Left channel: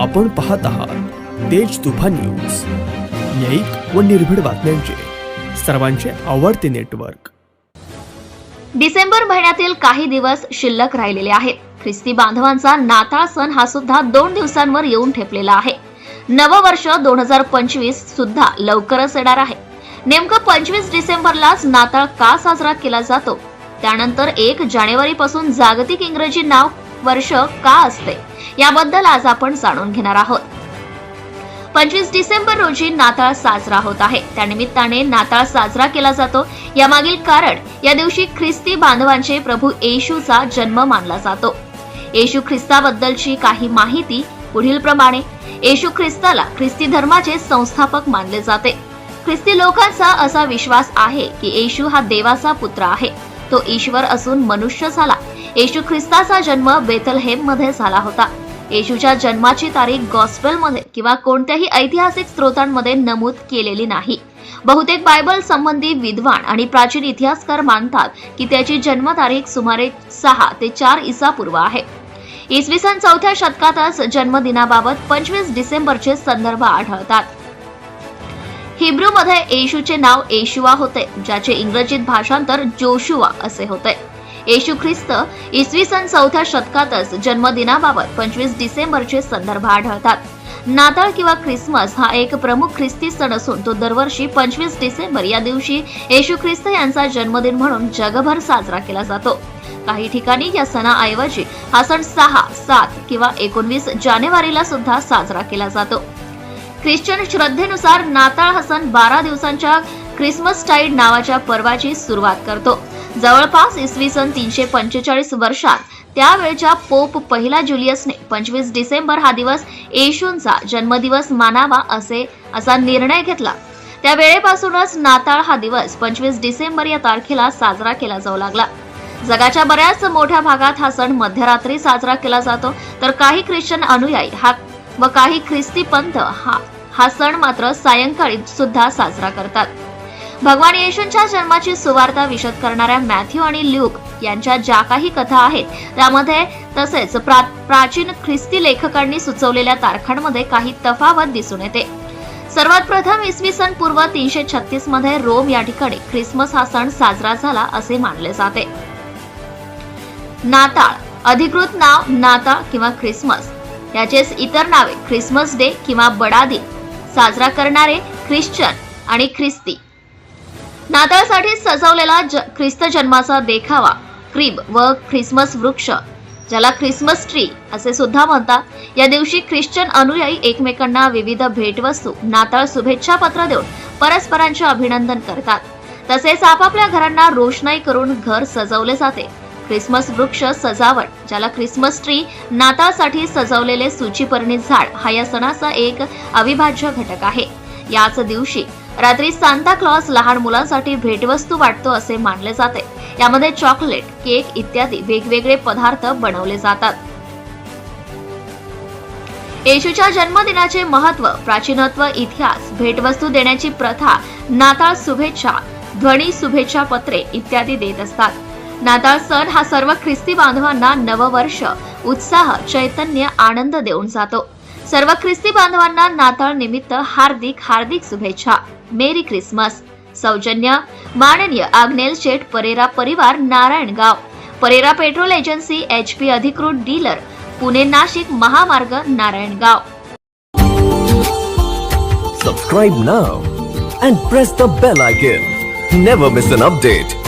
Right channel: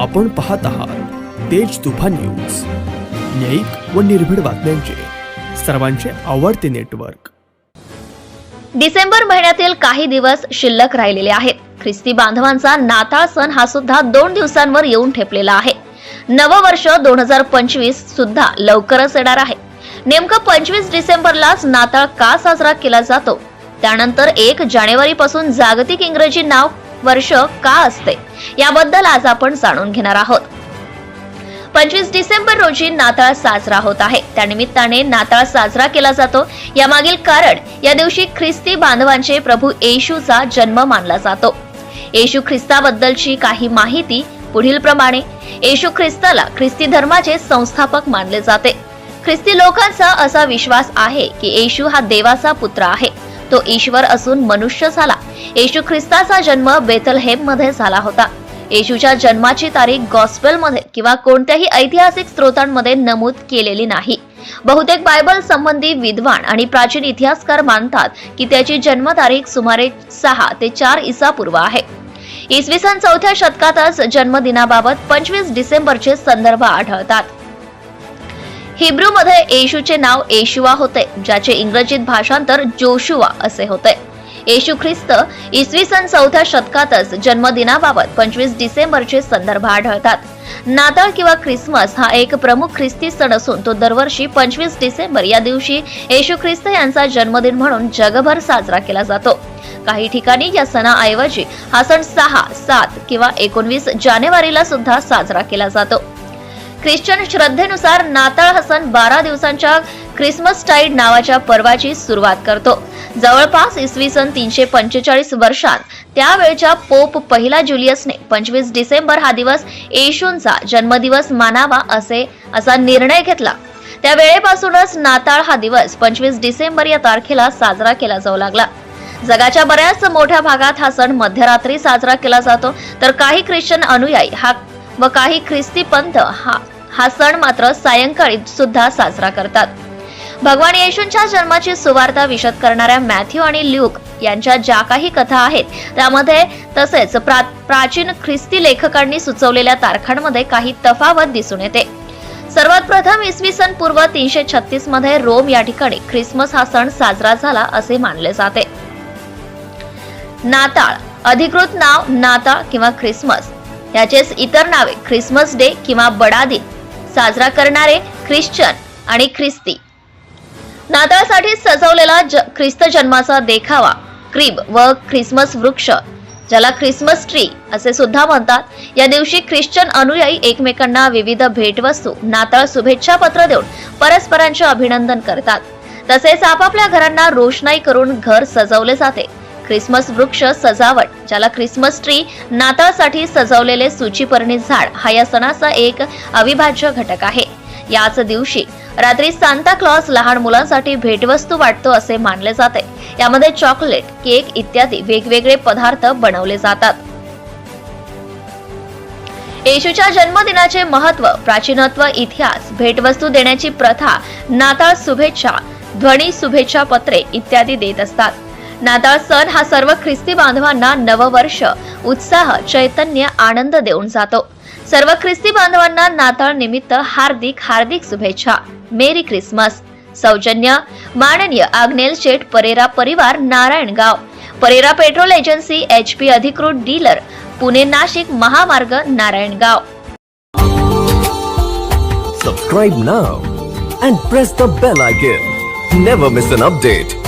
आपण पाहत आहात तेज तुफान न्यूज. न्यायिक व निर्भीड बातम्यांचे. सर्वांचे आवडते नेटवर्क. डिसेंबर महिन्यातील काही दिवस शिल्लक राहिलेले आहेत. ख्रिस्ती बांधवांचा नाताळ सण हा सुद्धा दोन दिवसांवर येऊन ठेपलेला आहे. नववर्ष दोन हजार पंचवीस सुद्धा लवकरच येणार आहे. नेमकं पंचवीस डिसेंबरलाच नाताळ का साजरा केला जातो? त्यानंतर एक जानेवारी पासून जागतिक इंग्रजी नाव वर्ष का असते? याबद्दल आज आपण जाणून घेणार आहोत. पंचवीस डिसेंबर रोजी नाताळ साजरा होत आहे. त्यानिमित्ताने नाताळ साजरा केला जातो. यामागील कारण या दिवशी ख्रिस्ती बांधवांचे प्रभू येशूचा जन्म मानला जातो. येशू ख्रिस्ताबद्दलची काही माहिती पुढील प्रमाणे. येशू ख्रिस्ताला ख्रिस्ती धर्माचे संस्थापक मानले जाते. ख्रिस्ती लोकांचा असा विश्वास आहे की येशू हा देवाचा पुत्र आहे. तो ईश्वर असून मनुष्य झाला. येशू ख्रिस्ताचा जन्म बेथलहेममध्ये झाला होता. येशूच्या जन्माची तारीख गॉस्पेलमध्ये किंवा कोणत्याही ऐतिहासिक स्रोतांमध्ये नमूद केलेली नाही. बहुतेक बायबल संबंधी विद्वान आणि प्राचीन इतिहासकार मानतात की त्याची जन्मतारीख सुमारे सहा ते चार इसापूर्व आहे. इसवी सन चौथ्या शतकातच जन्मदिनाबाबत पंचवीस डिसेंबरचे संदर्भ आढळतात. हिब्रूमध्ये येशूचे नाव येशुआ होते ज्याचे इंग्रजीत भाषांतर जोशुआ असे होते. येशू ख्रिस्त इसवी सन चौथ्या शतकातच जन्मदिनाबाबत पंचवीस डिसेंबरचे संदर्भ आढळतात. नाताळ किंवा ख्रिसमस हा एक प्रमुख ख्रिस्ती सण असून तो दरवर्षी पंचवीस डिसेंबर या दिवशी येशू ख्रिस्त यांचा जन्मदिन म्हणून जगभर साजरा केला जातो. काही ठिकाणी या सणाऐवजी हा सण सहा सात किंवा एकोणवीस जानेवारीला सुद्धा साजरा केला जातो. ख्रिश्चन श्रद्धेनुसार नाताळ हा सण बारा दिवसांच्या ख्रिसमस टाईड नावाच्या पर्वाची सुरुवात करतो. जवळपास इसवी सन तीनशे पंचेचाळीस वर्षात त्यावेळच्या पोप पहिला जुलियसने पंचवीस डिसेंबर हा दिवस येशूंचा जन्मदिवस मानावा असे असा निर्णय घेतला. त्या वेळेपासूनच नाताळ हा दिवस पंचवीस डिसेंबर या तारखेला साजरा केला जाऊ लागला. जगाच्या बऱ्याच मोठ्या भागात हा सण मध्यरात्री साजरा केला जातो तर काही ख्रिश्चन अनुयायी हा व काही ख्रिस्ती पंथ हा हा सण मात्र सायंकाळी सुद्धा साजरा करतात. भगवान येशूंच्या जन्माची सुवार्ता विशद करणाऱ्या मॅथ्यू आणि ल्यूक यांच्या ज्या काही कथा आहेत त्यामध्ये तसेच प्रा, प्राचीन ख्रिस्ती लेखकांनी सुचवलेल्या तारखांमध्ये काही तफावत दिसून येते. सर्वात प्रथम इसवी सन पूर्व तीनशे छत्तीसमध्ये रोम या ठिकाणी ख्रिसमस हा सण साजरा झाला असे मानले जाते. नाताळ अधिकृत नाव नाताळ किंवा ख्रिसमस. याचेच इतर नावे ख्रिसमस डे किंवा बडा दिन. साजरा करणारे ख्रिश्चन आणि ख्रिस्ती. नाताळसाठी सजवलेला ज- ख्रिस्त जन्माचा देखावा क्रीब व ख्रिसमस वृक्ष. ज्याला ख्रिसमस ट्री असे सुद्धा म्हणतात. या दिवशी ख्रिश्चन अनुयायी एकमेकांना विविध भेटवस्तू नाताळ शुभेच्छा पत्र देऊन परस्परांचे अभिनंदन करतात. तसेच आपापल्या घरांना रोषणाई करून घर सजवले जाते. ख्रिसमस वृक्ष सजावट ज्याला ख्रिसमस ट्री नाताळसाठी सजवलेले सूचीपर्णी झाड हा या सणाचा एक अविभाज्य घटक आहे. याच दिवशी रात्री सांताक्लॉज लहान मुलांसाठी भेटवस्तू वाटतो असे मानले जाते. यामध्ये चॉकलेट केक इत्यादी वेगवेगळे पदार्थ बनवले जातात. येशूच्या जन्मदिनाचे महत्त्व प्राचीनत्व इतिहास भेटवस्तू देण्याची प्रथा नाताळ शुभेच्छा ध्वनी शुभेच्छा पत्रे इत्यादी देत असतात. नाताळ सण हा सर्व ख्रिस्ती बांधवांना नववर्ष उत्साह चैतन्य आनंद देऊन जातो. સર્વ ખ્રિસ્તી બાંધવાના નાતાળ નિમિત્ત હાર્દિક હાર્દિક શુભેચ્છા. Merry Christmas. સૌજન્ય, માનનીય આગ્નેલ શેઠ પરેરા પરિવાર Narayan Gaon. Perera petrol agency HP અધિકૃત dealer, Pune Nashik મહામાર્ગ, Narayan Gaon. Subscribe now and press the bell icon never miss an update